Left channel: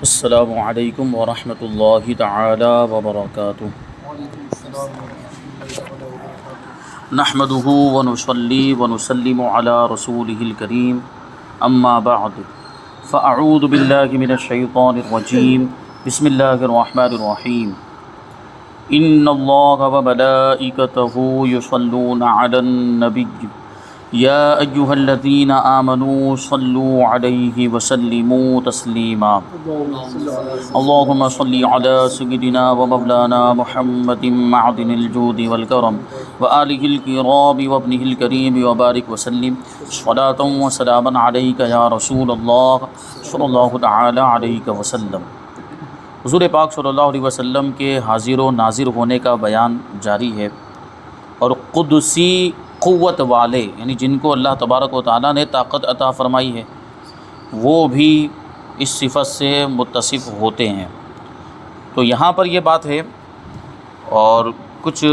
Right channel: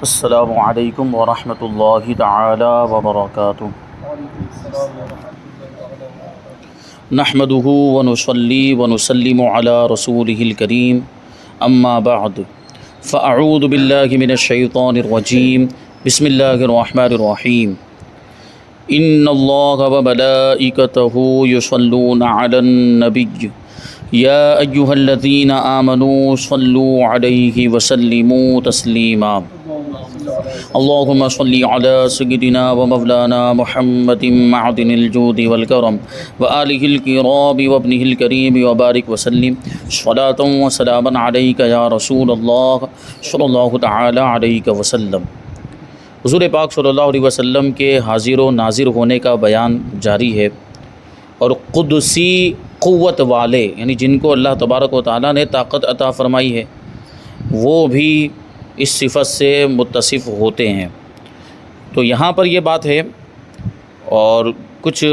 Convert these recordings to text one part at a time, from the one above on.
السلام علیکم ورحمۃ اللہ تعالی وبرکاتہ۔ نحمده ونصلی ونسلم علی رسوله الکریم، اما بعد فاعوذ باللہ من الشیطان الرجیم، بسم اللہ الرحمن الرحیم۔ ان اللہ وملائکتہ یصلون علی النبی یا ایہا الذین آمنوا صلوا علیہ وسلموا تسلیما۔ اللہم صلی علی سیدنا ومولانا محمد معدن الجود والکرم وآلہ الکرام وابنہ الکریم وبارک وسلم صلاۃ وسلاما علیک یا رسول اللہ صلی اللہ تعالی علیہ وسلم۔ حضور پاک صلی اللہ علیہ وسلم کے حاضر و ناظر ہونے کا بیان جاری ہے، اور قدسی قوت والے یعنی جن کو اللہ تبارک و تعالیٰ نے طاقت عطا فرمائی ہے وہ بھی اس صفت سے متصف ہوتے ہیں۔ تو یہاں پر یہ بات ہے، اور کچھ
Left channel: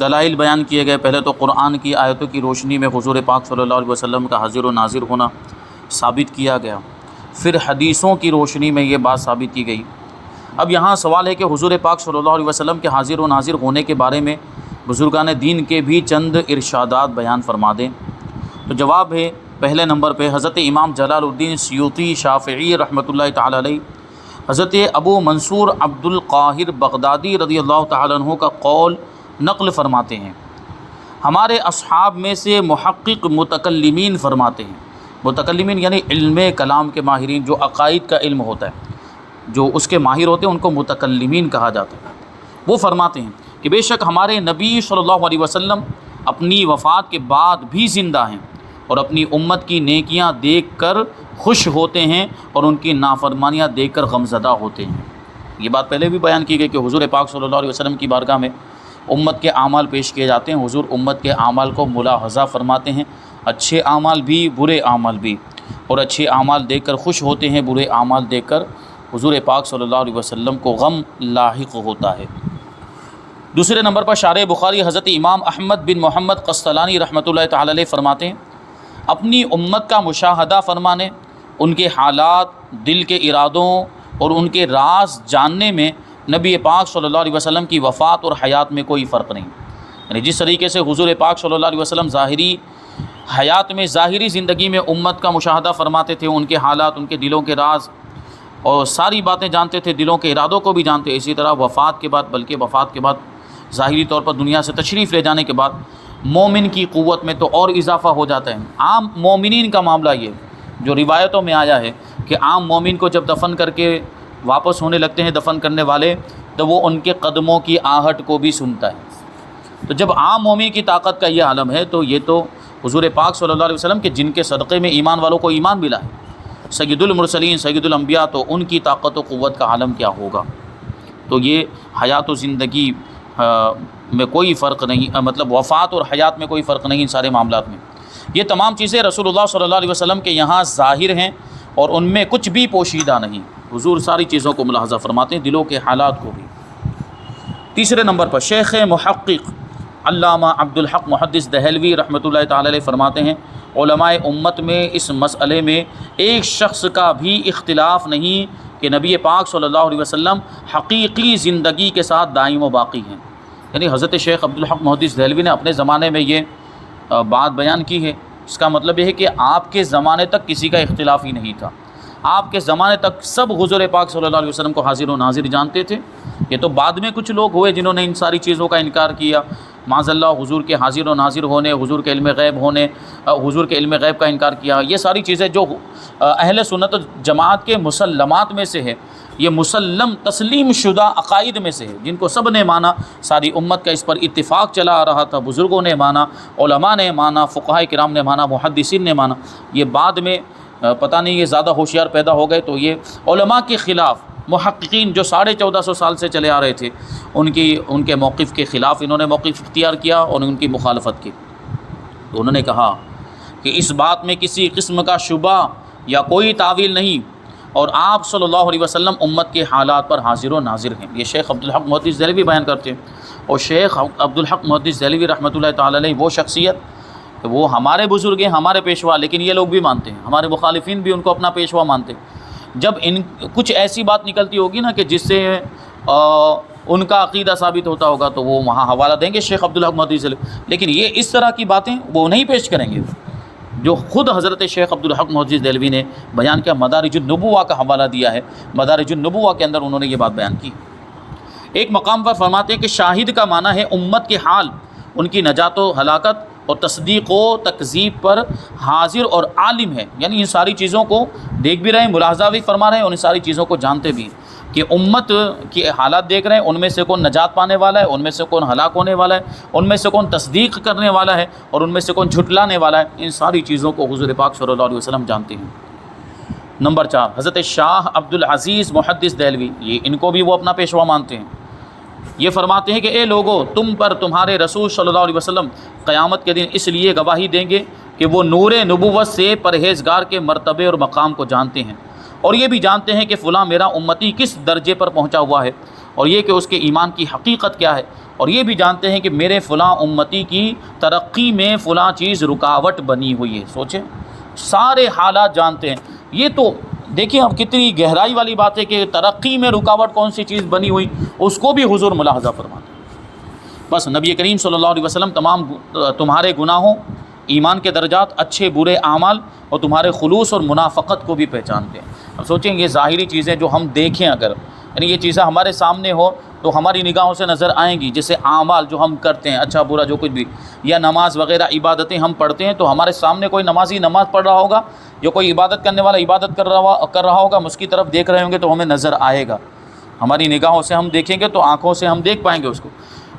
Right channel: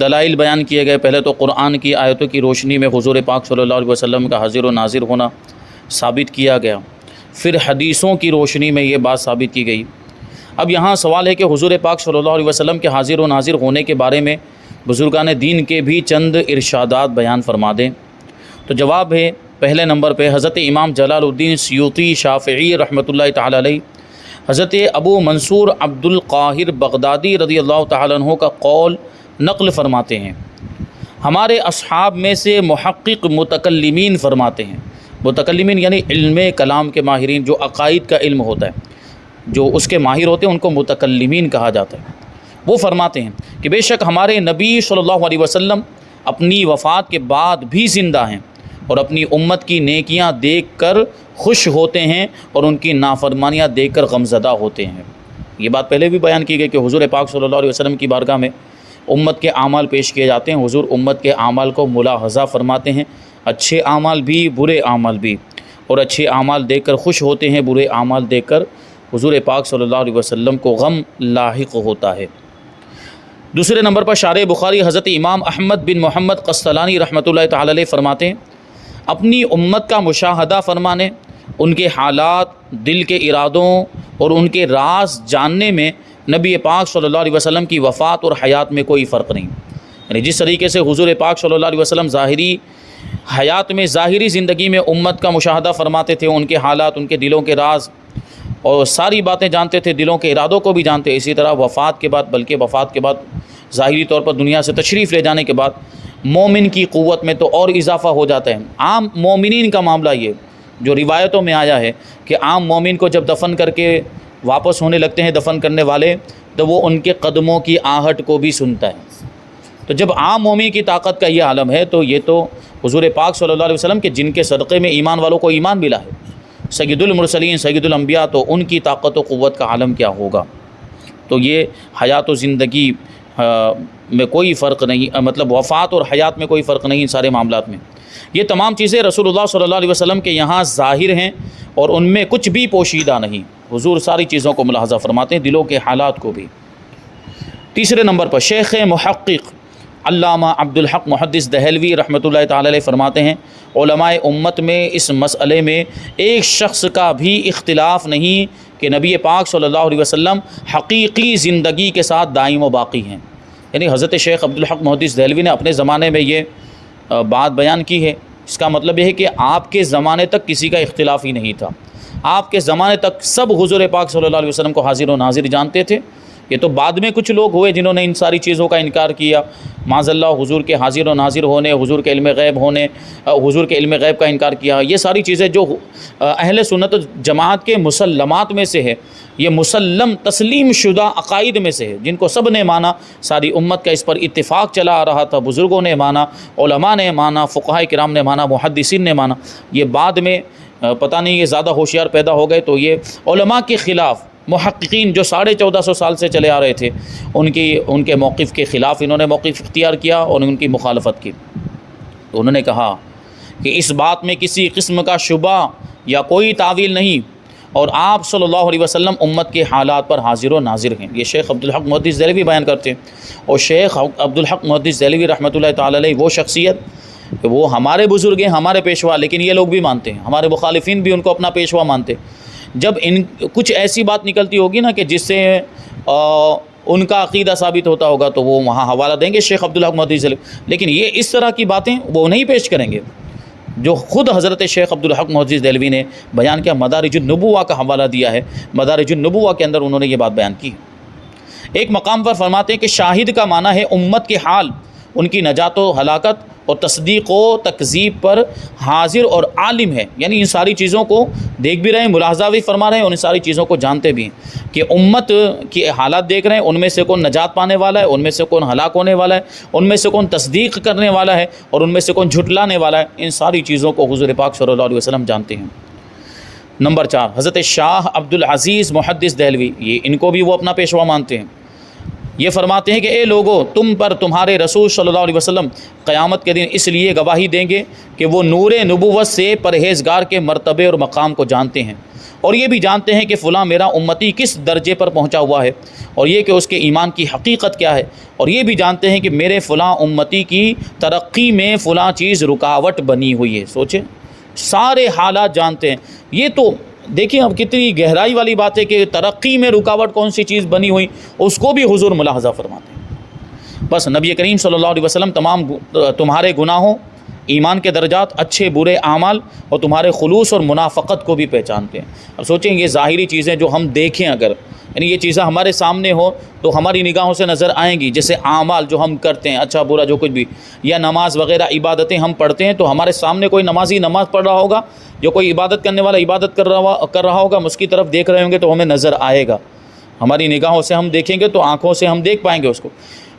دلائل بیان کیے گئے۔ پہلے تو قرآن کی آیتوں کی روشنی میں حضور پاک صلی اللہ علیہ وسلم کا حاضر و ناظر ہونا ثابت کیا گیا، پھر حدیثوں کی روشنی میں یہ بات ثابت کی گئی۔ اب یہاں سوال ہے کہ حضور پاک صلی اللہ علیہ وسلم کے حاضر و ناظر ہونے کے بارے میں بزرگان دین کے بھی چند ارشادات بیان فرما دیں۔ تو جواب ہے، پہلے نمبر پہ حضرت امام جلال الدین سیوطی شافعی رحمۃ اللہ تعالی علیہ، حضرت ابو منصور عبد القاہر بغدادی رضی اللہ تعالیٰ عنہ کا قول نقل فرماتے ہیں۔ ہمارے اصحاب میں سے محقق متکلمین فرماتے ہیں، متکلمین یعنی علم کلام کے ماہرین، جو عقائد کا علم ہوتا ہے، جو اس کے ماہر ہوتے ہیں ان کو متکلمین کہا جاتا ہے۔ وہ فرماتے ہیں کہ بے شک ہمارے نبی صلی اللہ علیہ وسلم اپنی وفات کے بعد بھی زندہ ہیں، اور اپنی امت کی نیکیاں دیکھ کر خوش ہوتے ہیں اور ان کی نافرمانیاں دیکھ کر غمزدہ ہوتے ہیں۔ یہ بات پہلے بھی بیان کی گئی کہ حضور پاک صلی اللہ علیہ وسلم کی بارگاہ میں امت کے اعمال پیش کیے جاتے ہیں۔ حضور امت کے اعمال کو ملاحظہ فرماتے ہیں، اچھے اعمال بھی برے اعمال بھی، اور اچھے اعمال دیکھ کر خوش ہوتے ہیں، برے اعمال دیکھ کر حضور پاک صلی اللہ علیہ وسلم کو غم لاحق ہوتا ہے۔ دوسرے نمبر پر شارح بخاری حضرت امام احمد بن محمد قسطلانی رحمۃ اللہ تعالی علیہ فرماتے ہیں، اپنی امت کا مشاہدہ فرمانے، ان کے حالات، دل کے ارادوں اور ان کے راز جاننے میں نبی پاک صلی اللہ علیہ وسلم کی وفات اور حیات میں کوئی فرق نہیں۔ یعنی جس طریقے سے حضور پاک صلی اللہ علیہ وسلم ظاہری حیات میں، ظاہری زندگی میں امت کا مشاہدہ فرماتے تھے، ان کے حالات، ان کے دلوں کے راز اور ساری باتیں جانتے تھے، دلوں کے ارادوں کو بھی جانتے، اسی طرح وفات کے بعد، بلکہ وفات کے بعد ظاہری طور پر دنیا سے تشریف لے جانے کے بعد مومن کی قوت میں تو اور اضافہ ہو جاتا ہے۔ عام مومنین کا معاملہ یہ جو روایتوں میں آیا ہے کہ عام مومن کو جب دفن کر کے واپس ہونے لگتے ہیں دفن کرنے والے، تو وہ ان کے قدموں کی آہٹ کو بھی سنتا ہے۔ تو جب عام مومن کی طاقت کا یہ عالم ہے، تو یہ تو حضور پاک صلی اللہ علیہ وسلم کے جن کے صدقے میں ایمان والوں کو ایمان ملا ہے، سید المرسلین، سید الانبیاء، تو ان کی طاقت و قوت کا عالم کیا ہوگا۔ تو یہ حیات و زندگی میں کوئی فرق نہیں، مطلب وفات اور حیات میں کوئی فرق نہیں، ان سارے معاملات میں یہ تمام چیزیں رسول اللہ صلی اللہ علیہ وسلم کے یہاں ظاہر ہیں، اور ان میں کچھ بھی پوشیدہ نہیں۔ حضور ساری چیزوں کو ملاحظہ فرماتے ہیں، دلوں کے حالات کو بھی۔ تیسرے نمبر پر شیخ محقق علامہ عبد الحق محدث دہلوی رحمۃ اللہ تعالی علیہ فرماتے ہیں، علماء امت میں اس مسئلے میں ایک شخص کا بھی اختلاف نہیں کہ نبی پاک صلی اللہ علیہ وسلم حقیقی زندگی کے ساتھ دائم و باقی ہیں۔ یعنی حضرت شیخ عبد الحق محدث دہلوی نے اپنے زمانے میں یہ بات بیان کی ہے، اس کا مطلب یہ ہے کہ آپ کے زمانے تک کسی کا اختلاف ہی نہیں تھا، آپ کے زمانے تک سب حضور پاک صلی اللہ علیہ وسلم کو حاضر و ناظر جانتے تھے۔ یہ تو بعد میں کچھ لوگ ہوئے جنہوں نے ان ساری چیزوں کا انکار کیا، معاذ اللہ حضور کے حاضر و ناظر ہونے، حضور کے علم غیب ہونے، حضور کے علم غیب کا انکار کیا۔ یہ ساری چیزیں جو اہل سنت جماعت کے مسلمات میں سے ہے، یہ مسلم تسلیم شدہ عقائد میں سے ہے، جن کو سب نے مانا، ساری امت کا اس پر اتفاق چلا آ رہا تھا، بزرگوں نے مانا، علماء نے مانا، فقہاء کرام نے مانا، محدثین نے مانا۔ یہ بعد میں پتہ نہیں یہ زیادہ ہوشیار پیدا ہو گئے، تو یہ علماء کے خلاف محققین جو 1450 سال سے چلے آ رہے تھے، ان کے موقف کے خلاف انہوں نے موقف اختیار کیا اور ان کی مخالفت کی۔ تو انہوں نے کہا کہ اس بات میں کسی قسم کا شبہ یا کوئی تعویل نہیں، اور آپ صلی اللہ علیہ وسلم امت کے حالات پر حاضر و ناظر ہیں۔ یہ شیخ عبد الحق محدث دہلوی بیان کرتے ہیں، اور شیخ عبد الحق محدث دہلوی رحمۃ اللہ تعالی علیہ وہ شخصیت کہ وہ ہمارے بزرگ ہیں، ہمارے پیشوا، لیکن یہ لوگ بھی مانتے ہیں، ہمارے مخالفین بھی ان کو اپنا پیشوا مانتے ہیں، جب کچھ ایسی بات نکلتی ہوگی نا کہ جس سے ان کا عقیدہ ثابت ہوتا ہوگا تو وہ وہاں حوالہ دیں گے شیخ عبدالحق محدثی سے، لیکن یہ اس طرح کی باتیں وہ نہیں پیش کریں گے جو خود حضرت شیخ عبدالحق محدثی دہلوی نے بیان کیا، مدارج النبوہ کا حوالہ دیا ہے، مدارج النبوہ کے اندر انہوں نے یہ بات بیان کی۔ ایک مقام پر فرماتے ہیں کہ شاہد کا معنی ہے امت کے حال، ان کی نجات و ہلاکت اور تصدیق و تکذیب پر حاضر اور عالم ہے، یعنی ان ساری چیزوں کو دیکھ بھی رہے ہیں، ملاحظہ بھی فرما رہے ہیں اور ان ساری چیزوں کو جانتے بھی ہیں کہ امت کی حالات دیکھ رہے ہیں، ان میں سے کون نجات پانے والا ہے، ان میں سے کون ہلاک ہونے والا ہے، ان میں سے کون تصدیق کرنے والا ہے اور ان میں سے کون جھٹلانے والا ہے، ان ساری چیزوں کو حضور پاک صلی اللہ علیہ وسلم جانتے ہیں۔ نمبر 4، حضرت شاہ عبدالعزیز محدث دہلوی، یہ ان کو بھی وہ اپنا پیشوا مانتے ہیں۔ یہ فرماتے ہیں کہ اے لوگو، تم پر تمہارے رسول صلی اللہ علیہ وسلم قیامت کے دن اس لیے گواہی دیں گے کہ وہ نور نبوت سے پرہیزگار کے مرتبے اور مقام کو جانتے ہیں، اور یہ بھی جانتے ہیں کہ فلاں میرا امتی کس درجے پر پہنچا ہوا ہے، اور یہ کہ اس کے ایمان کی حقیقت کیا ہے، اور یہ بھی جانتے ہیں کہ میرے فلاں امتی کی ترقی میں فلاں چیز رکاوٹ بنی ہوئی ہے۔ سوچیں، سارے حالات جانتے ہیں۔ یہ تو دیکھیں اب کتنی گہرائی والی بات ہے کہ ترقی میں رکاوٹ کون سی چیز بنی ہوئی، اس کو بھی حضور ملاحظہ فرماتے ہیں۔ بس نبی کریم صلی اللہ علیہ وسلم تمہارے گناہوں، ایمان کے درجات، اچھے برے اعمال اور تمہارے خلوص اور منافقت کو بھی پہچانتے ہیں۔ اب سوچیں یہ ظاہری چیزیں جو ہم دیکھیں، اگر یعنی یہ چیزیں ہمارے سامنے ہو تو ہماری نگاہوں سے نظر آئیں گی، جیسے اعمال جو ہم کرتے ہیں، اچھا برا جو کچھ بھی، یا نماز وغیرہ عبادتیں ہم پڑھتے ہیں تو ہمارے سامنے کوئی نمازی نماز پڑھ رہا ہوگا، جو کوئی عبادت کرنے والا عبادت کر رہا ہوگا، ہم اس کی طرف دیکھ رہے ہوں گے تو ہمیں نظر آئے گا، ہماری نگاہوں سے ہم دیکھیں گے تو آنکھوں سے ہم دیکھ پائیں گے اس کو۔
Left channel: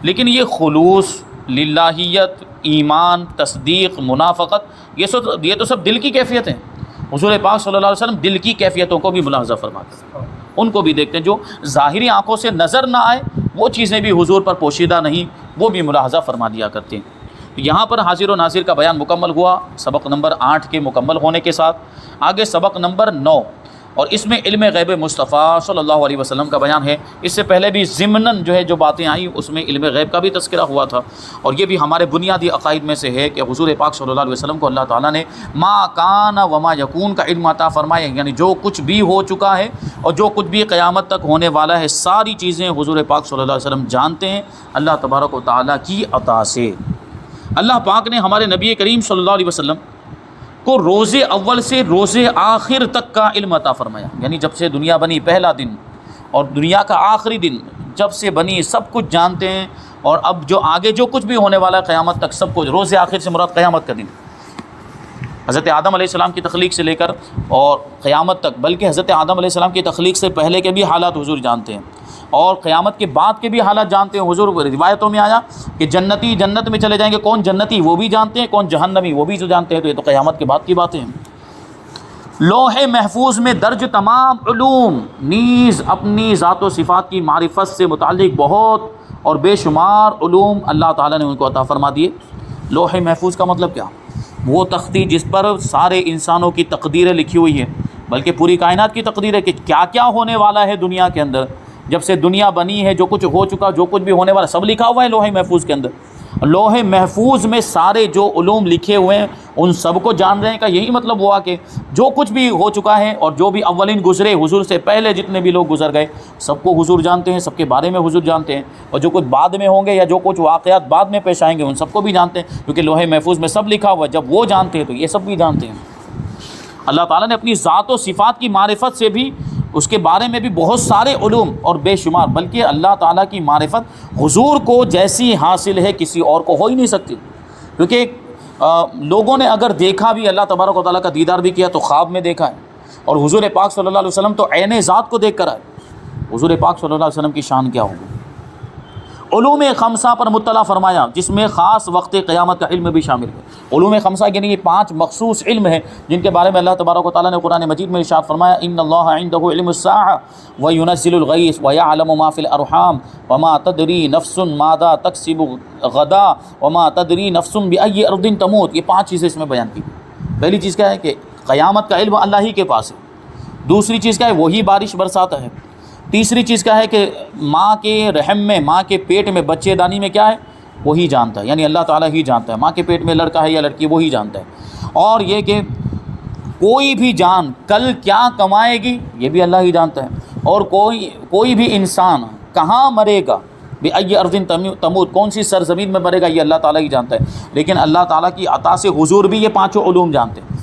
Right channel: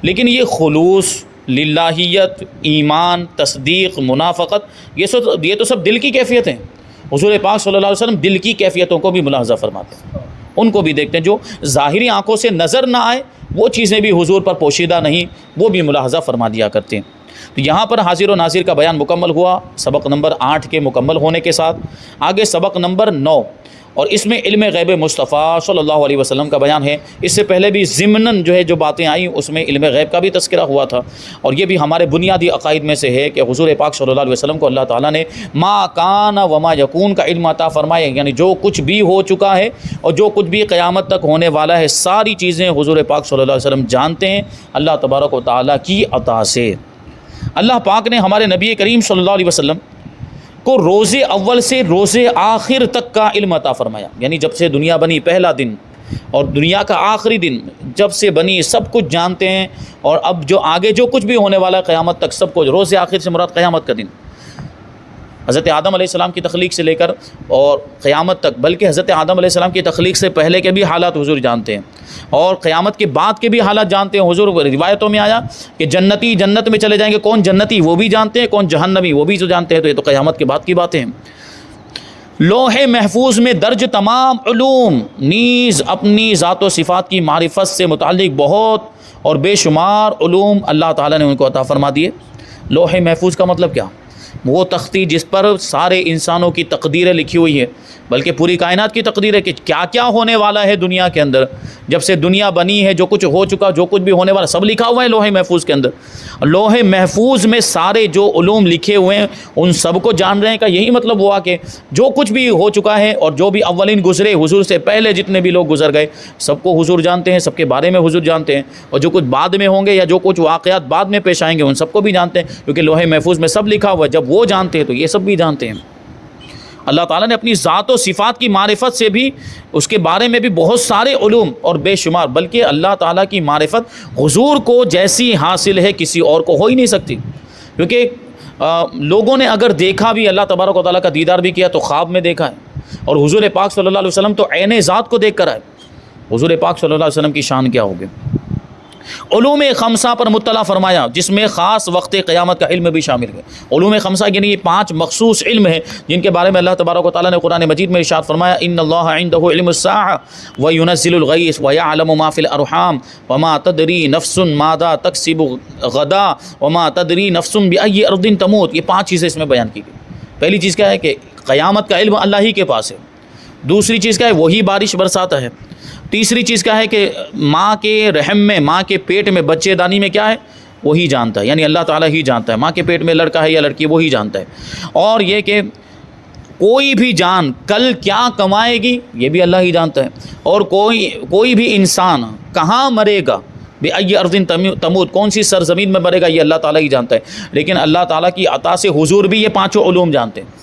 لیکن یہ خلوص، للہیت، ایمان، تصدیق، منافقت، یہ تو سب دل کی کیفیت ہیں۔ حضور پاک صلی اللہ علیہ وسلم دل کی کیفیتوں کو بھی ملاحظہ فرماتے ہیں، ان کو بھی دیکھتے ہیں، جو ظاہری آنکھوں سے نظر نہ آئے وہ چیزیں بھی حضور پر پوشیدہ نہیں، وہ بھی ملاحظہ فرما دیا کرتے ہیں۔ تو یہاں پر حاضر و ناظر کا بیان مکمل ہوا سبق نمبر 8 کے مکمل ہونے کے ساتھ۔ آگے سبق نمبر 9، اور اس میں علم غیب مصطفیٰ صلی اللہ علیہ وسلم کا بیان ہے۔ اس سے پہلے بھی ضمناً جو باتیں آئیں اس میں علم غیب کا بھی تذکرہ ہوا تھا، اور یہ بھی ہمارے بنیادی عقائد میں سے ہے کہ حضور پاک صلی اللہ علیہ وسلم کو اللہ تعالیٰ نے ما کان وما یکون کا علم عطا فرمایا، یعنی جو کچھ بھی ہو چکا ہے اور جو کچھ بھی قیامت تک ہونے والا ہے، ساری چیزیں حضور پاک صلی اللہ علیہ وسلم جانتے ہیں اللہ تبارک و تعالیٰ کی عطا سے۔ اللہ پاک نے ہمارے نبی کریم صلی اللہ علیہ وسلم کو روز اول سے روز آخر تک کا علم عطا فرمایا، یعنی جب سے دنیا بنی پہلا دن اور دنیا کا آخری دن جب سے بنی سب کچھ جانتے ہیں، اور اب جو آگے جو کچھ بھی ہونے والا ہے قیامت تک سب کچھ۔ روز آخر سے مراد قیامت کا دن، حضرت آدم علیہ السلام کی تخلیق سے لے کر اور قیامت تک، بلکہ حضرت آدم علیہ السلام کی تخلیق سے پہلے کے بھی حالات حضور جانتے ہیں اور قیامت کے بعد کے بھی حالات جانتے ہیں۔ حضور روایتوں میں آیا کہ جنتی جنت میں چلے جائیں گے، کون جنتی وہ بھی جانتے ہیں، کون جہنمی وہ بھی جو جانتے ہیں، تو یہ تو قیامت کے بعد کی باتیں ہیں۔ لوح محفوظ میں درج تمام علوم نیز اپنی ذات و صفات کی معرفت سے متعلق بہت اور بے شمار علوم اللہ تعالیٰ نے ان کو عطا فرما دیے۔ لوح محفوظ کا مطلب کیا؟ وہ تختی جس پر سارے انسانوں کی تقدیریں لکھی ہوئی ہیں، بلکہ پوری کائنات کی تقدیر ہے کہ کیا کیا ہونے والا ہے دنیا کے اندر، جب سے دنیا بنی ہے جو کچھ ہو چکا، جو کچھ بھی ہونے والا سب لکھا ہوا ہے لوح محفوظ کے اندر۔ لوح محفوظ میں سارے جو علوم لکھے ہوئے ہیں ان سب کو جان رہے ہیں کا یہی مطلب ہوا کہ جو کچھ بھی ہو چکا ہے اور جو بھی اولین گزرے، حضور سے پہلے جتنے بھی لوگ گزر گئے سب کو حضور جانتے ہیں، سب کے بارے میں حضور جانتے ہیں، اور جو کچھ بعد میں ہوں گے یا جو کچھ واقعات بعد میں پیش آئیں گے ان سب کو بھی جانتے ہیں، کیونکہ لوح محفوظ میں سب لکھا ہوا ہے۔ جب وہ جانتے ہیں تو یہ سب بھی جانتے ہیں۔ اللہ تعالیٰ نے اپنی ذات و صفات کی معرفت سے بھی اس کے بارے میں بھی بہت سارے علوم اور بے شمار، بلکہ اللہ تعالیٰ کی معرفت حضور کو جیسی حاصل ہے کسی اور کو ہو ہی نہیں سکتی، کیونکہ لوگوں نے اگر دیکھا بھی اللہ تبارک و تعالیٰ کا دیدار بھی کیا تو خواب میں دیکھا ہے، اور حضور پاک صلی اللہ علیہ وسلم تو عین ذات کو دیکھ کر آئے۔ حضور پاک صلی اللہ علیہ وسلم کی شان کیا ہوگی؟ علوم خمسہ پر مطلع فرمایا، جس میں خاص وقت قیامت کا علم بھی شامل ہے۔ علوم خمسہ یعنی یہ 5 مخصوص علم ہیں جن کے بارے میں اللہ تبارک و تعالیٰ نے قرآن مجید میں ارشاد فرمایا، ان اللہ عنده علم الساعة وینزل الغیث ویعلم ما فی الارحام وما تدری نفس ماذا تکسب غدا وما تدری نفس بأی ارض تموت۔ یہ 5 چیزیں اس میں بیان کی گئی۔ پہلی چیز کیا ہے کہ قیامت کا علم اللہ ہی کے پاس ہے۔ دوسری چیز کیا ہے؟ وہی بارش برساتا ہے۔ تیسری چیز کیا ہے کہ ماں کے رحم میں، ماں کے پیٹ میں، بچے دانی میں کیا ہے وہی جانتا ہے، یعنی اللہ تعالیٰ ہی جانتا ہے۔ ماں کے پیٹ میں لڑکا ہے یا لڑکی وہی جانتا ہے۔ اور یہ کہ کوئی بھی جان کل کیا کمائے گی یہ بھی اللہ ہی جانتا ہے، اور کوئی بھی انسان کہاں مرے گا، بِأَيِّ أَرْضٍ تموت، کون سی سرزمین میں مرے گا، یہ اللہ تعالیٰ ہی جانتا ہے۔ لیکن اللہ تعالیٰ کی عطا سے حضور بھی یہ پانچوں علوم جانتے ہیں،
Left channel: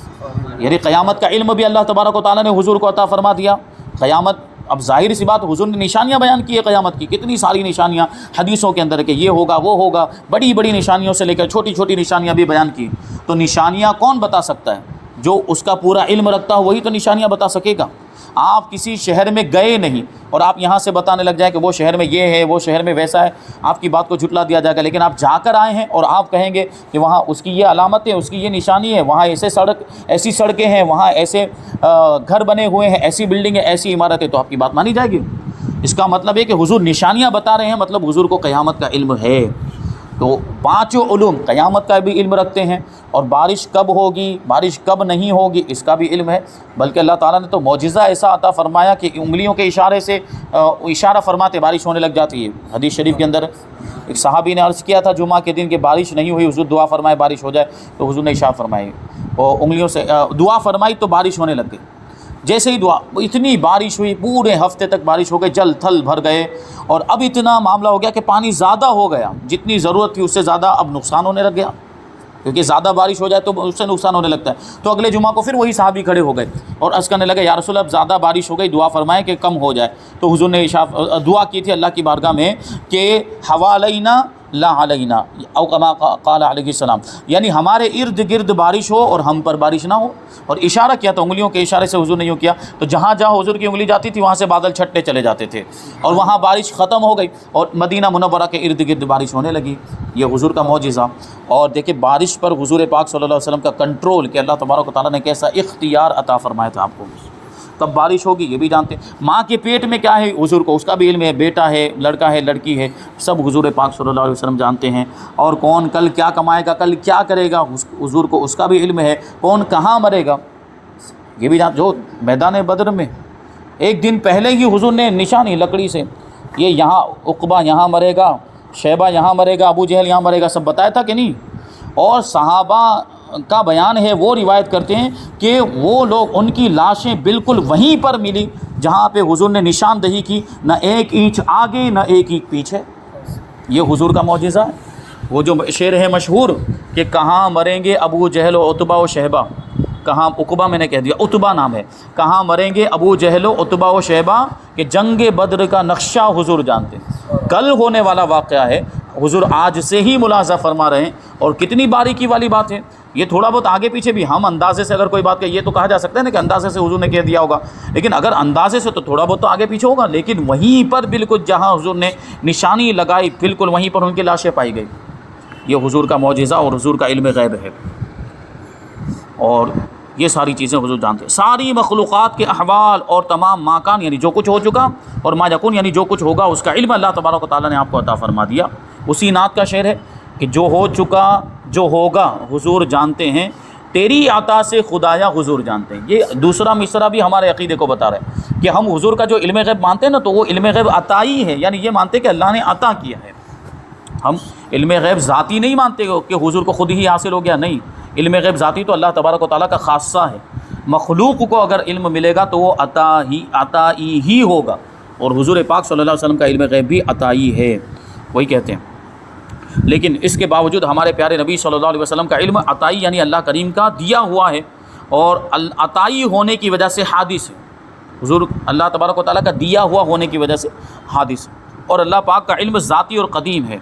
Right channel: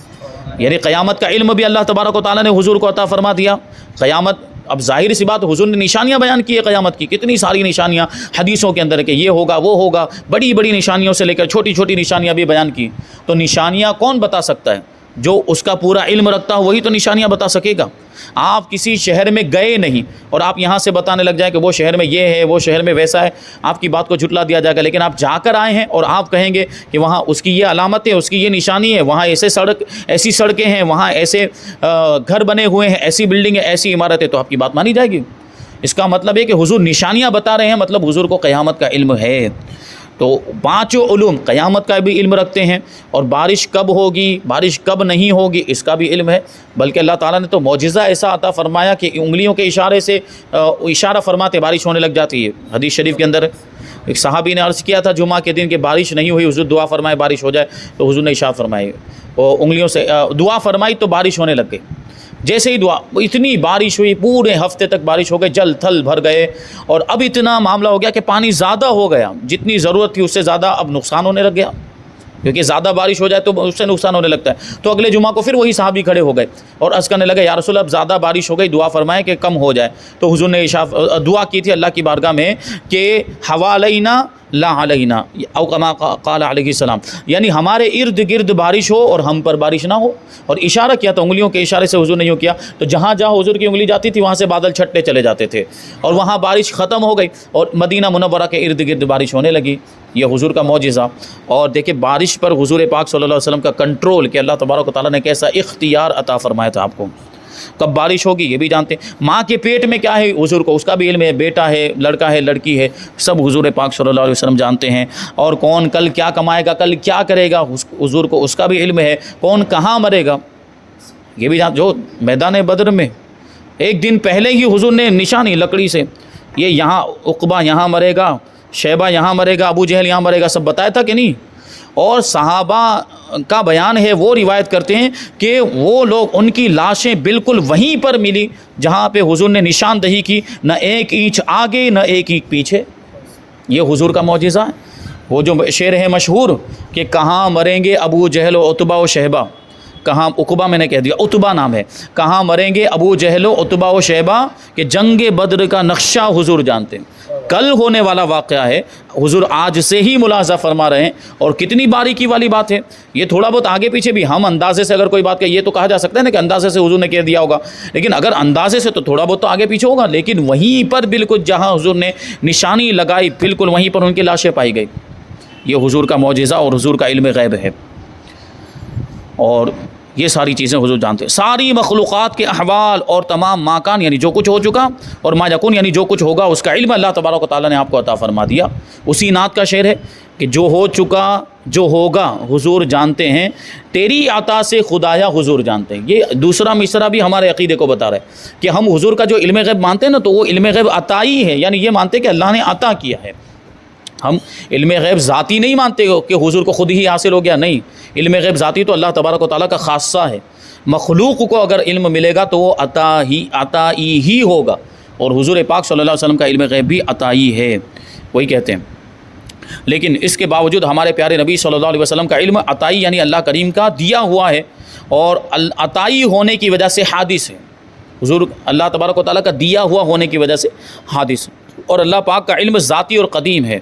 یعنی قیامت کا علم بھی اللہ تبارک و تعالیٰ نے حضور کو عطا فرما دیا۔ قیامت، اب ظاہر سی بات، حضور نے نشانیاں بیان کی ہے قیامت کی، کتنی ساری نشانیاں حدیثوں کے اندر کہ یہ ہوگا وہ ہوگا، بڑی بڑی نشانیوں سے لے کر چھوٹی چھوٹی نشانیاں بھی بیان کی۔ تو نشانیاں کون بتا سکتا ہے؟ جو اس کا پورا علم رکھتا ہو وہی تو نشانیاں بتا سکے گا۔ آپ کسی شہر میں گئے نہیں اور آپ یہاں سے بتانے لگ جائیں کہ وہ شہر میں یہ ہے، وہ شہر میں ویسا ہے، آپ کی بات کو جھٹلا دیا جائے گا۔ لیکن آپ جا کر آئے ہیں اور آپ کہیں گے کہ وہاں اس کی یہ علامت ہے، اس کی یہ نشانی ہے، وہاں ایسی سڑکیں ہیں، وہاں ایسے گھر بنے ہوئے ہیں، ایسی بلڈنگ ہے، ایسی عمارت ہے، تو آپ کی بات مانی جائے گی۔ اس کا مطلب ہے کہ حضور نشانیاں بتا رہے ہیں، مطلب حضور کو قیامت کا علم ہے۔ تو پانچوں علوم، قیامت کا بھی علم رکھتے ہیں، اور بارش کب ہوگی، بارش کب نہیں ہوگی، اس کا بھی علم ہے۔ بلکہ اللہ تعالیٰ نے تو معجزہ ایسا عطا فرمایا کہ انگلیوں کے اشارے سے اشارہ فرماتے بارش ہونے لگ جاتی ہے۔ حدیث شریف کے اندر ایک صحابی نے عرض کیا تھا جمعہ کے دن کہ بارش نہیں ہوئی، حضور دعا فرمائے بارش ہو جائے، تو حضور نے اشارہ فرمائے اور انگلیوں سے دعا فرمائی تو بارش ہونے لگ گئی۔ جیسے ہی دعا، اتنی بارش ہوئی، پورے ہفتے تک بارش ہو گئی، جل تھل بھر گئے، اور اب اتنا معاملہ ہو گیا کہ پانی زیادہ ہو گیا، جتنی ضرورت تھی اس سے زیادہ اب نقصان ہونے لگ گیا، کیونکہ زیادہ بارش ہو جائے تو اس سے نقصان ہونے لگتا ہے۔ تو اگلے جمعہ کو پھر وہی صحابی کھڑے ہو گئے اور عرض کرنے لگے یا رسول اللہ اب زیادہ بارش ہو گئی، دعا فرمائیں کہ کم ہو جائے۔ تو حضور نے دعا کی تھی اللہ کی بارگاہ میں کہ حوالینا لا علینا، او کما قال علیہ السلام، یعنی ہمارے ارد گرد بارش ہو اور ہم پر بارش نہ ہو۔ اور اشارہ کیا تھا، انگلیوں کے اشارے سے حضور نے یوں کیا، تو جہاں جہاں حضور کی انگلی جاتی تھی وہاں سے بادل چھٹتے چلے جاتے تھے، اور وہاں بارش ختم ہو گئی اور مدینہ منورہ کے ارد گرد بارش ہونے لگی۔ یہ حضور کا معجزہ۔ اور دیکھیں بارش پر حضور پاک صلی اللہ علیہ وسلم کا کنٹرول، کہ اللہ تبارک و تعالیٰ نے کیسا اختیار عطا فرمایا تھا آپ کو۔ کب بارش ہوگی یہ بھی جانتے ہیں، ماں کے پیٹ میں کیا ہے حضور کو اس کا بھی علم ہے، بیٹا ہے، لڑکا ہے، لڑکی ہے، سب حضور پاک صلی اللہ علیہ وسلم جانتے ہیں۔ اور کون کل کیا کمائے گا، کل کیا کرے گا، حضور کو اس کا بھی علم ہے۔ کون کہاں مرے گا یہ بھی جو میدان بدر میں ایک دن پہلے ہی حضور نے نشانی لکڑی سے، یہ یہاں عقبہ یہاں مرے گا، شیبہ یہاں مرے گا، ابو جہل یہاں مرے گا، سب بتایا تھا کہ نہیں؟ اور صحابہ کا بیان ہے، وہ روایت کرتے ہیں کہ وہ لوگ، ان کی لاشیں بالکل وہیں پر ملی جہاں پہ حضور نے نشاندہی کی، نہ ایک اینچ آگے نہ ایک اینچ پیچھے۔ یہ حضور کا معجزہ ہے۔ وہ جو شعر ہے مشہور کہ کہاں مریں گے ابو جہل و عتبہ و شیبہ، کہاں، عقبہ میں نے کہہ دیا، عتبہ نام ہے، کہاں مریں گے ابو جہل و عتبہ و شیبہ، کہ جنگ بدر کا نقشہ حضور جانتے ہیں، کل ہونے والا واقعہ ہے، حضور آج سے ہی ملاحظہ فرما رہے ہیں۔ اور کتنی باریکی والی بات ہے یہ، تھوڑا بہت آگے پیچھے بھی ہم اندازے سے اگر کوئی بات کہ یہ تو کہا جا سکتا ہے نا کہ اندازے سے حضور نے کہہ دیا ہوگا، لیکن اگر اندازے سے تو تھوڑا بہت تو آگے پیچھے ہوگا، لیکن وہیں پر بالکل جہاں حضور نے نشانی لگائی بالکل وہیں پر ان کی لاشیں پائی گئی۔ یہ حضور کا معجزہ اور حضور کا علم غیب ہے، اور یہ ساری چیزیں حضور جانتے ہیں۔ ساری مخلوقات کے احوال اور تمام ماکان، یعنی جو کچھ ہو چکا، اور ما یکون یعنی جو کچھ ہوگا، اس کا علم اللہ تبارک و تعالیٰ نے آپ کو عطا فرما دیا۔ اسی نعت کا شعر ہے کہ جو ہو چکا جو ہوگا حضور جانتے ہیں، تیری عطا سے خدایا حضور جانتے ہیں۔ یہ دوسرا مصرع بھی ہمارے عقیدے کو بتا رہا ہے کہ ہم حضور کا جو علم غیب مانتے ہیں نا، تو وہ علم غیب عطائی ہے، یعنی یہ مانتے کہ اللہ نے عطا کیا ہے۔ ہم علم غیب ذاتی نہیں مانتے کہ حضور کو خود ہی حاصل ہو گیا، نہیں، علم غیب ذاتی تو اللہ تبارک و تعالیٰ کا خاصہ ہے۔ مخلوق کو اگر علم ملے گا تو وہ عطائی ہی ہوگا، اور حضور پاک صلی اللہ علیہ وسلم کا علم غیب بھی عطائی ہے، وہی کہتے ہیں۔ لیکن اس کے باوجود ہمارے پیارے نبی صلی اللہ علیہ وسلم کا علم عطائی یعنی اللہ کریم کا دیا ہوا ہے، اور عطائی ہونے کی وجہ سے حادث ہے۔ حضور اللہ تبارک و تعالیٰ کا دیا ہوا ہونے کی وجہ سے حادث، اور اللہ پاک کا علم ذاتی اور قدیم ہے۔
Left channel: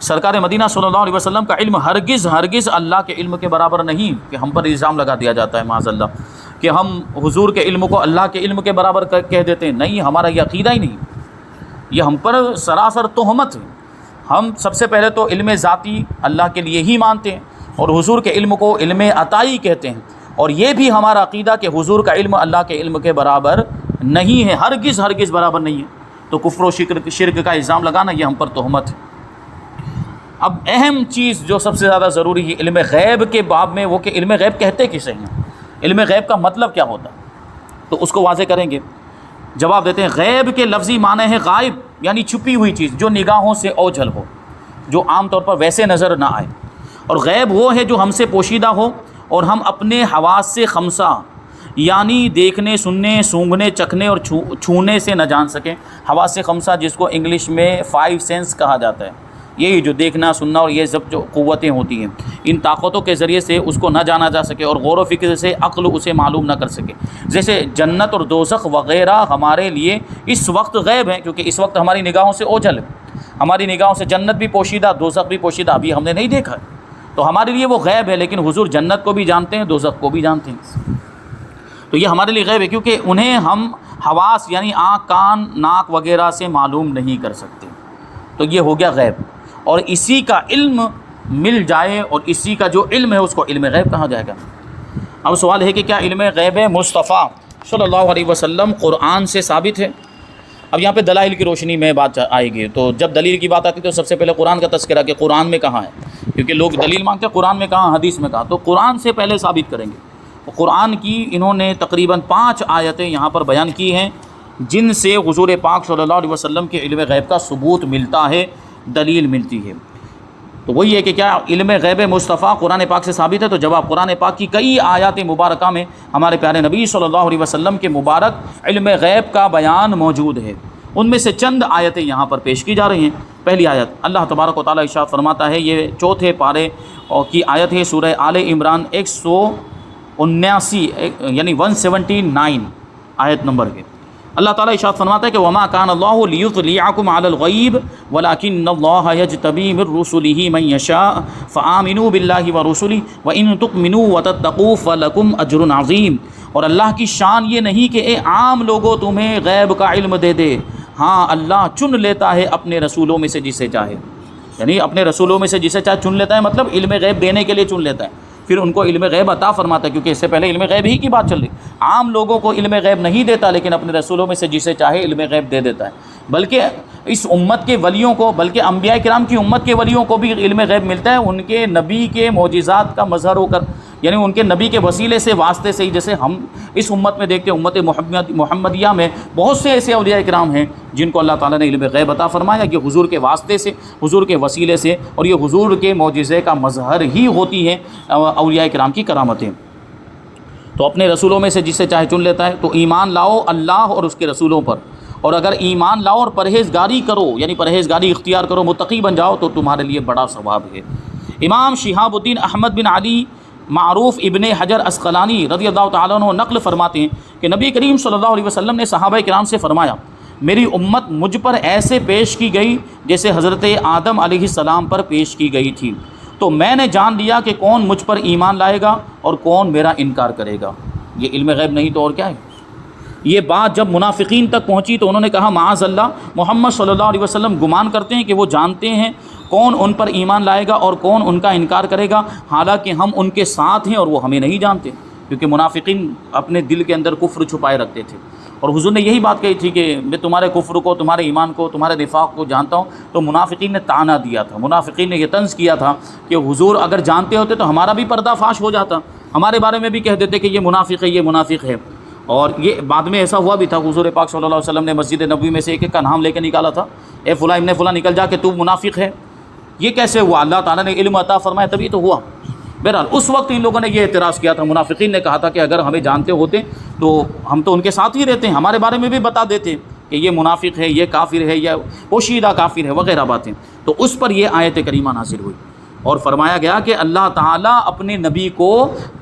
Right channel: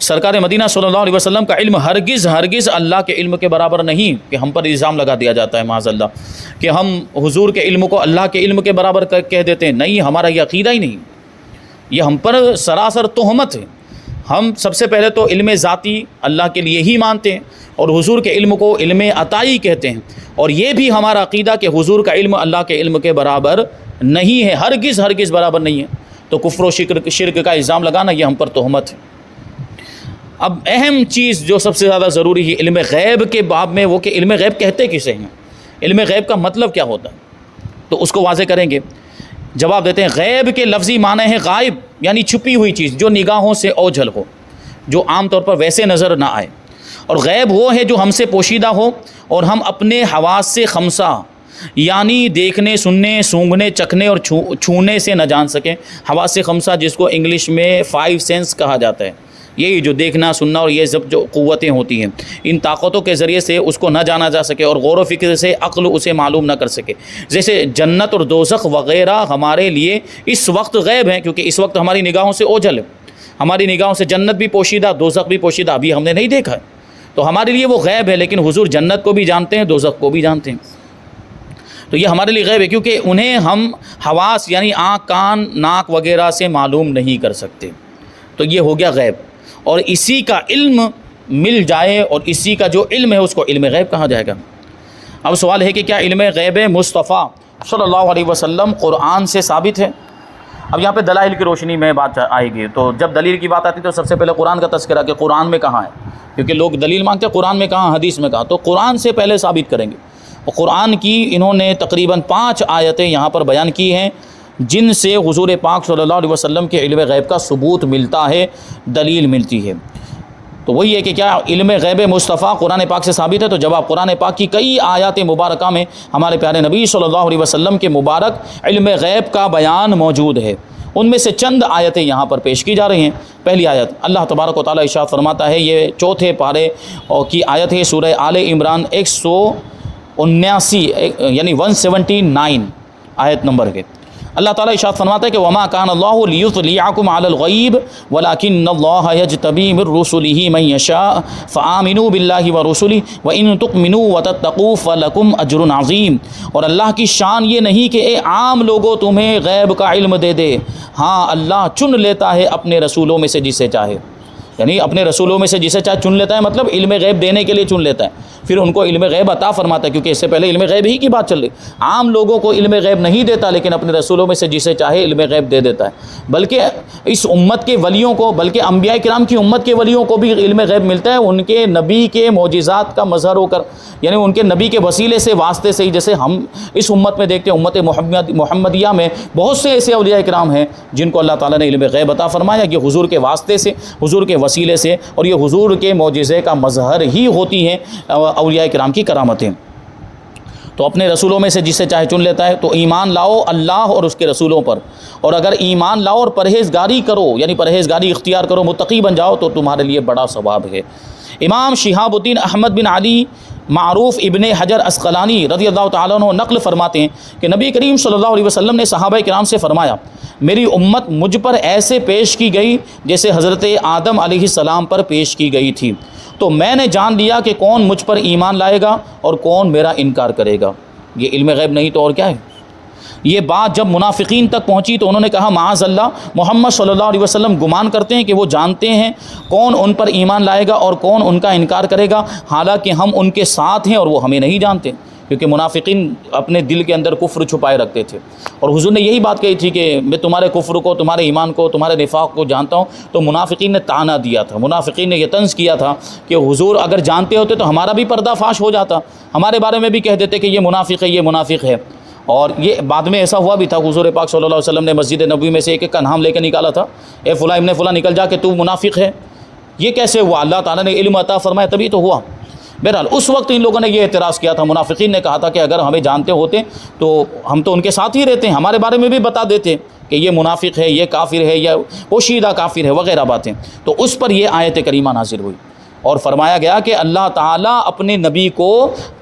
سرکار مدینہ صلی اللہ علیہ وسلم کا علم ہرگز اللہ کے علم کے برابر نہیں، کہ ہم پر الزام لگا دیا جاتا ہے معاذ اللہ کہ ہم حضور کے علم کو اللہ کے علم کے برابر کہہ دیتے ہیں، نہیں، ہمارا یہ عقیدہ ہی نہیں، یہ ہم پر سراسر تہمت ہے۔ ہم سب سے پہلے تو علم ذاتی اللہ کے لیے ہی مانتے ہیں، اور حضور کے علم کو علم عطائی کہتے ہیں، اور یہ بھی ہمارا عقیدہ کہ حضور کا علم اللہ کے علم کے برابر نہیں ہے، ہرگز برابر نہیں ہے۔ تو کفر و شرک کا الزام لگانا یہ ہم پر تہمت ہے۔ اب اہم چیز جو سب سے زیادہ ضروری ہے علم غیب کے باب میں، وہ کہ علم غیب کہتے کسے ہیں، علم غیب کا مطلب کیا ہوتا ہے، تو اس کو واضح کریں گے۔ جواب دیتے ہیں غیب کے لفظی معنی ہے غائب، یعنی چھپی ہوئی چیز جو نگاہوں سے اوجھل ہو، جو عام طور پر ویسے نظر نہ آئے، اور غیب وہ ہے جو ہم سے پوشیدہ ہو اور ہم اپنے حواس سے خمسہ یعنی دیکھنے، سننے، سونگھنے، چکھنے اور چھونے سے نہ جان سکیں۔ حواس خمسہ جس کو انگلش میں 5 سینس کہا جاتا ہے، یہی جو دیکھنا، سننا اور یہ سب جو قوتیں ہوتی ہیں، ان طاقتوں کے ذریعے سے اس کو نہ جانا جا سکے اور غور و فکر سے عقل اسے معلوم نہ کر سکے۔ جیسے جنت اور دوزخ وغیرہ ہمارے لیے اس وقت غیب ہیں، کیونکہ اس وقت ہماری نگاہوں سے اوجھل ہے، ہماری نگاہوں سے جنت بھی پوشیدہ، دوزخ بھی پوشیدہ، ابھی ہم نے نہیں دیکھا، تو ہمارے لیے وہ غیب ہے، لیکن حضور جنت کو بھی جانتے ہیں، دوزخ کو بھی جانتے ہیں۔ تو یہ ہمارے لیے غیب ہے، کیونکہ انہیں ہم حواس یعنی آنکھ، کان، ناک وغیرہ سے معلوم نہیں کر سکتے۔ تو یہ ہو گیا غیب، اور اسی کا علم مل جائے اور اسی کا جو علم ہے اس کو علم غیب کہا جائے گا۔ اب سوال ہے کہ کیا علم غیب مصطفیٰ صلی اللہ علیہ وسلم قرآن سے ثابت ہے؟ اب یہاں پہ دلائل کی روشنی میں بات آئے گی، تو جب دلیل کی بات آتی تو سب سے پہلے قرآن کا تذکرہ کہ قرآن میں کہاں ہے، کیونکہ لوگ دلیل مانگتے ہیں قرآن میں کہاں، حدیث میں کہاں، تو قرآن سے پہلے ثابت کریں گے۔ قرآن کی انہوں نے تقریباً 5 آیتیں یہاں پر بیان کی ہیں جن سے حضور پاک صلی اللہ علیہ وسلم کے علم غیب کا ثبوت ملتا ہے، دلیل ملتی ہے۔ تو وہی ہے کہ کیا علم غیب مصطفیٰ قرآن پاک سے ثابت ہے؟ تو جواب قرآن پاک کی کئی آیات مبارکہ میں ہمارے پیارے نبی صلی اللہ علیہ وسلم کے مبارک علم غیب کا بیان موجود ہے۔ ان میں سے چند آیتیں یہاں پر پیش کی جا رہی ہیں۔ پہلی آیت اللہ تبارک و تعالیٰ ارشاد فرماتا ہے، یہ 4 پارے کی آیت ہے، سورہ آل عمران 179 یعنی 179 آیت نمبر ہے۔ اللہ تعالیٰ ارشاد فرماتا ہے کہ وما کان اللہ لیطلعکم علی الغیب ولکن اللہ یجتبی من رسلہ من یشاء فآمنوا باللہ ورسلہ وان تؤمنوا وتتقوا فلکم اجر عظیم۔ اور اللہ کی شان یہ نہیں کہ اے عام لوگوں تمہیں غیب کا علم دے دے، ہاں اللہ چن لیتا ہے اپنے رسولوں میں سے جسے چاہے، یعنی اپنے رسولوں میں سے جسے چاہے چن لیتا ہے، مطلب علم غیب دینے کے لیے چن لیتا ہے، پھر ان کو علم غیب عطا فرماتا ہے، کیونکہ اس سے پہلے علم غیب ہی کی بات چل رہی۔ عام لوگوں کو علم غیب نہیں دیتا، لیکن اپنے رسولوں میں سے جسے چاہے علم غیب دے دیتا ہے۔ بلکہ اس امت کے ولیوں کو، بلکہ انبیاء کرام کی امت کے ولیوں کو بھی علم غیب ملتا ہے، ان کے نبی کے معجزات کا مظہر ہو کر، یعنی ان کے نبی کے وسیلے سے، واسطے سے ہی، جیسے ہم اس امت میں دیکھتے ہیں، امت محمدیہ میں بہت سے ایسے اولیاء کرام ہیں جن کو اللہ تعالیٰ نے علم غیب عطا فرمایا، یہ حضور کے واسطے سے، حضور کے وسیلے سے، اور یہ حضور کے معجزے کا مظہر ہی ہوتی ہیں اولیاء کرام کی کرامتیں۔ تو اپنے رسولوں میں سے جسے چاہے چن لیتا ہے۔ تو ایمان لاؤ اللہ اور اس کے رسولوں پر، اور اگر ایمان لاؤ اور پرہیزگاری کرو، یعنی پرہیزگاری اختیار کرو، متقی بن جاؤ، تو تمہارے لیے بڑا ثواب ہے۔ امام شہاب الدین احمد بن علی معروف ابن حجر عسقلانی رضی اللہ تعالیٰ عنہ نقل فرماتے ہیں کہ نبی کریم صلی اللہ علیہ وسلم نے صحابہ کرام سے فرمایا، میری امت مجھ پر ایسے پیش کی گئی جیسے حضرت آدم علیہ السلام پر پیش کی گئی تھی، تو میں نے جان لیا کہ کون مجھ پر ایمان لائے گا اور کون میرا انکار کرے گا۔ یہ علم غیب نہیں تو اور کیا ہے؟ یہ بات جب منافقین تک پہنچی تو انہوں نے کہا معاذ اللہ، محمد صلی اللہ علیہ وسلم گمان کرتے ہیں کہ وہ جانتے ہیں کون ان پر ایمان لائے گا اور کون ان کا انکار کرے گا، حالانکہ ہم ان کے ساتھ ہیں اور وہ ہمیں نہیں جانتے، کیونکہ منافقین اپنے دل کے اندر کفر چھپائے رکھتے تھے۔ اور حضور نے یہی بات کہی تھی کہ میں تمہارے کفر کو، تمہارے ایمان کو، تمہارے نفاق کو جانتا ہوں۔ تو منافقین نے طعنہ دیا تھا، منافقین نے یہ طنز کیا تھا کہ حضور اگر جانتے ہوتے تو ہمارا بھی پردہ فاش ہو جاتا، ہمارے بارے میں بھی کہہ دیتے کہ یہ منافق ہے، یہ منافق ہے۔ اور یہ بعد میں ایسا ہوا بھی تھا، حضور پاک صلی اللہ علیہ وسلم نے مسجد نبوی میں سے ایک کا نام لے کے نکالا تھا، اے فلاں ابن فلاں نکل جا کہ تو منافق ہے۔ یہ کیسے ہوا؟ اللہ تعالیٰ نے علم عطا فرمایا تبھی تو ہوا۔ بہرحال اس وقت ان لوگوں نے یہ اعتراض کیا تھا، منافقین نے کہا تھا کہ اگر ہمیں جانتے ہوتے تو ہم تو ان کے ساتھ ہی رہتے ہیں، ہمارے بارے میں بھی بتا دیتے کہ یہ منافق ہے، یہ کافر ہے، یا پوشیدہ کافر ہے وغیرہ باتیں۔ تو اس پر یہ آیت کریمہ نازل ہوئی اور فرمایا گیا کہ اللہ تعالیٰ اپنے نبی کو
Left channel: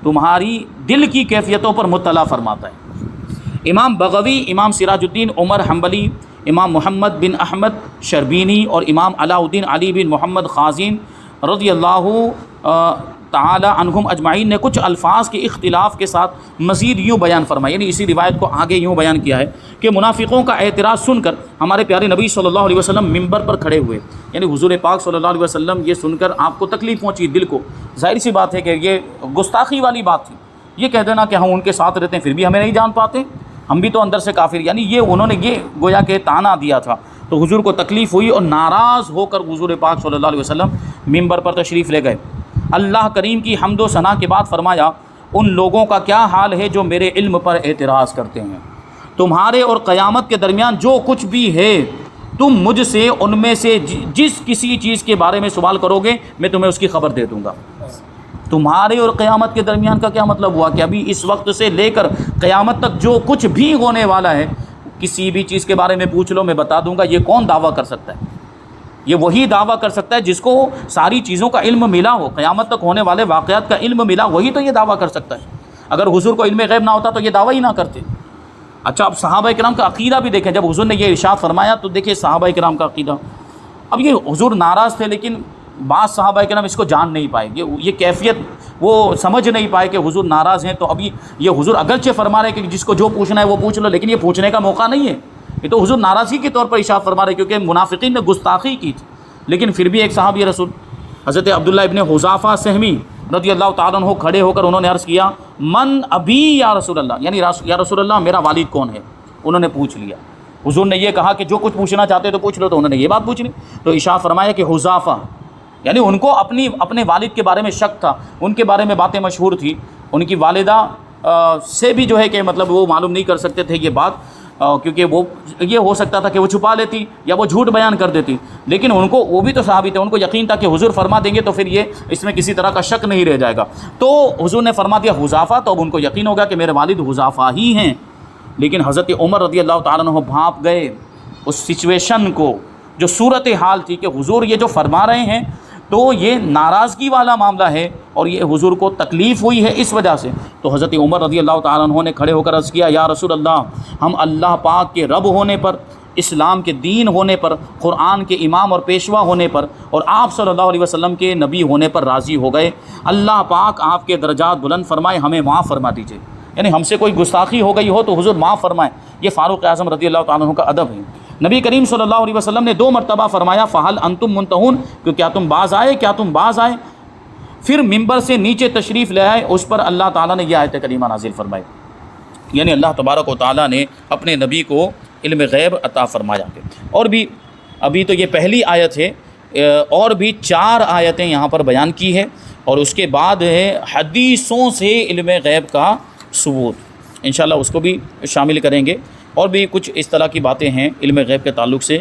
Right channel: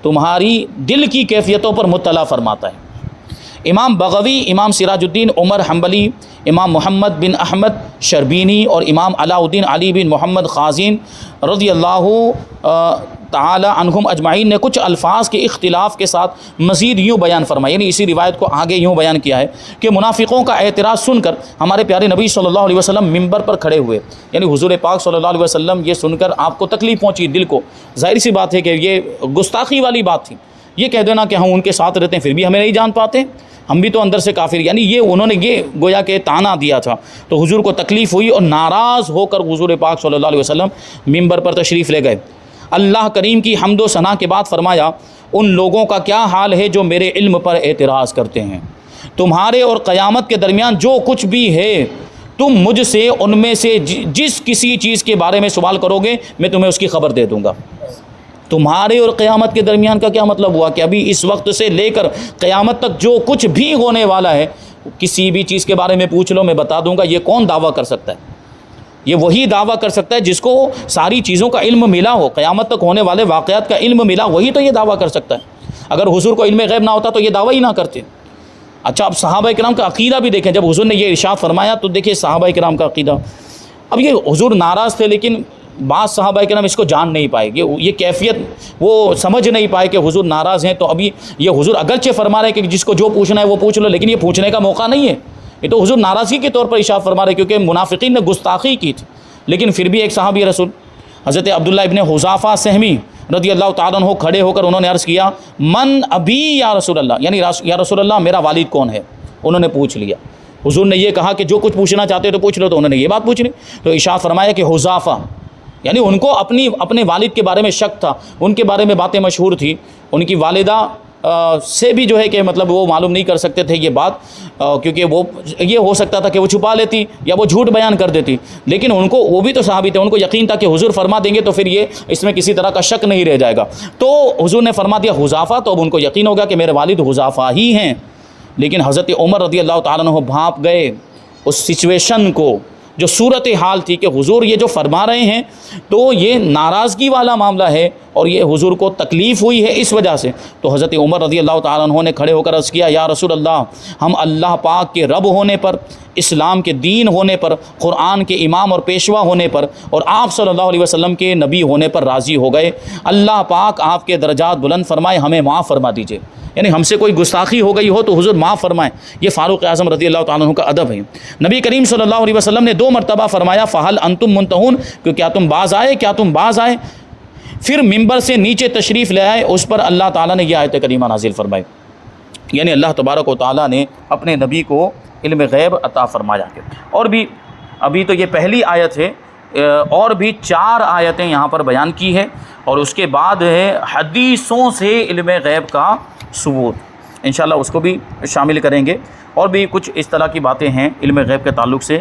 تمہاری دل کی کیفیتوں پر مطلع فرماتا ہے۔ امام بغوی، امام سراج الدین عمر حنبلی، امام محمد بن احمد شربینی اور امام علاء الدین علی بن محمد خازین رضی اللہ تعالی عنہم اجمعین نے کچھ الفاظ کے اختلاف کے ساتھ مزید یوں بیان فرمایا، یعنی اسی روایت کو آگے یوں بیان کیا ہے کہ منافقوں کا اعتراض سن کر ہمارے پیارے نبی صلی اللہ علیہ وسلم ممبر پر کھڑے ہوئے، یعنی حضور پاک صلی اللہ علیہ وسلم یہ سن کر آپ کو تکلیف پہنچی دل کو، ظاہر سی بات ہے کہ یہ گستاخی والی بات تھی، یہ کہہ دینا کہ ہم ان کے ساتھ رہتے ہیں پھر بھی ہمیں نہیں جان پاتے، ہم بھی تو اندر سے کافر، یعنی یہ انہوں نے یہ گویا کہ طعنہ دیا تھا۔ تو حضور کو تکلیف ہوئی اور ناراض ہو کر حضور پاک صلی اللہ علیہ وسلم ممبر پر تشریف لے گئے۔ اللہ کریم کی حمد و ثنا کے بعد فرمایا، ان لوگوں کا کیا حال ہے جو میرے علم پر اعتراض کرتے ہیں، تمہارے اور قیامت کے درمیان جو کچھ بھی ہے تم مجھ سے ان میں سے جس کسی چیز کے بارے میں سوال کرو گے میں تمہیں اس کی خبر دے دوں گا۔ تمہارے اور قیامت کے درمیان کا کیا مطلب ہوا کہ ابھی اس وقت سے لے کر قیامت تک جو کچھ بھی ہونے والا ہے کسی بھی چیز کے بارے میں پوچھ لو میں بتا دوں گا. یہ کون دعویٰ کر سکتا ہے؟ یہ وہی دعویٰ کر سکتا ہے جس کو ساری چیزوں کا علم ملا ہو, قیامت تک ہونے والے واقعات کا علم ملا, وہی تو یہ دعویٰ کر سکتا ہے. اگر حضور کو علم غیب نہ ہوتا تو یہ دعویٰ ہی نہ کرتے. اچھا اب صحابہ کرام کا عقیدہ بھی دیکھیں. جب حضور نے یہ ارشاد فرمایا تو دیکھیں صحابہ کرام کا عقیدہ. اب یہ حضور ناراض تھے لیکن بعض صحابہ کرام اس کو جان نہیں پائے, یہ کیفیت وہ سمجھ نہیں پائے کہ حضور ناراض ہیں. تو ابھی یہ حضور اگرچہ فرما رہے کہ جس کو جو پوچھنا ہے وہ پوچھ لو, لیکن یہ پوچھنے کا موقع نہیں ہے. یہ تو حضور ناراضگی کے طور پر ارشاد فرما رہے کیونکہ منافقین نے گستاخی کی تھی. لیکن پھر بھی ایک صحابی رسول حضرت عبداللہ ابن حذافہ سہمی رضی اللہ تعالیٰ عنہ کھڑے ہو کر انہوں نے عرض کیا من ابی یا رسول اللہ, یعنی یا رسول اللہ میرا والد کون ہے. انہوں نے پوچھ لیا. حضور نے یہ کہا کہ جو کچھ پوچھنا چاہتے تو پوچھ لو, تو انہوں نے یہ بات پوچھ لی. تو ارشاد فرمایا کہ حذافہ, یعنی ان کو اپنے والد کے بارے میں شک تھا, ان کے بارے میں باتیں مشہور تھی. ان کی والدہ سے بھی جو ہے کہ مطلب وہ معلوم نہیں کر سکتے تھے یہ بات, کیونکہ وہ یہ ہو سکتا تھا کہ وہ چھپا لیتی یا وہ جھوٹ بیان کر دیتی. لیکن ان کو, وہ بھی تو صحابی تھے, ان کو یقین تھا کہ حضور فرما دیں گے تو پھر یہ اس میں کسی طرح کا شک نہیں رہ جائے گا. تو حضور نے فرما دیا حذافہ, تو اب ان کو یقین ہوگا کہ میرے والد حذافہ ہی ہیں. لیکن حضرت عمر رضی اللہ تعالیٰ عنہ بھانپ گئے اس سچویشن کو, جو صورت حال تھی کہ حضور یہ جو فرما رہے ہیں تو یہ ناراضگی والا معاملہ ہے اور یہ حضور کو تکلیف ہوئی ہے اس وجہ سے. تو حضرت عمر رضی اللہ تعالیٰ عنہ نے کھڑے ہو کر عرض کیا یا رسول اللہ, ہم اللہ پاک کے رب ہونے پر, اسلام کے دین ہونے پر, قرآن کے امام اور پیشوا ہونے پر اور آپ صلی اللہ علیہ وسلم کے نبی ہونے پر راضی ہو گئے. اللہ پاک آپ کے درجات بلند فرمائے, ہمیں معاف فرما دیجیے. یعنی ہم سے کوئی گستاخی ہو گئی ہو تو حضور معاف فرمائیں. یہ فاروق اعظم رضی اللہ تعالیٰ عنہ کا ادب ہے. نبی کریم صلی اللہ علیہ وسلم نے 2 مرتبہ فرمایا فہل انتم منتہون, کہ کیا تم باز آئے, کیا تم باز آئے. پھر ممبر سے نیچے تشریف لے آئے, اس پر اللہ تعالیٰ نے یہ آیت کریمہ نازل فرمائی. یعنی اللہ تبارک و تعالیٰ نے اپنے نبی کو علم غیب عطا فرمایا. اور بھی ابھی تو یہ پہلی آیت ہے, اور بھی 4 آیتیں یہاں پر بیان کی ہے, اور اس کے بعد ہے حدیثوں سے علم غیب کا ثبوت. انشاءاللہ اس کو بھی شامل کریں گے. اور بھی کچھ اس طرح کی باتیں ہیں علم غیب کے تعلق سے,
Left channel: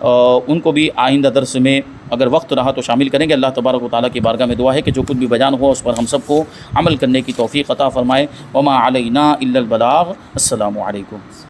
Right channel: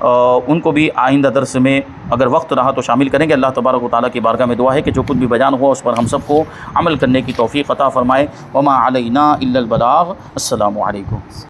ان کو بھی آئندہ درس میں اگر وقت رہا تو شامل کریں گے. اللہ تبارک و تعالیٰ کی بارگاہ میں دعا ہے کہ جو کچھ بھی بیان ہوا اس پر ہم سب کو عمل کرنے کی توفیق عطا فرمائے. وما علینا الا البلاغ. السلام علیکم.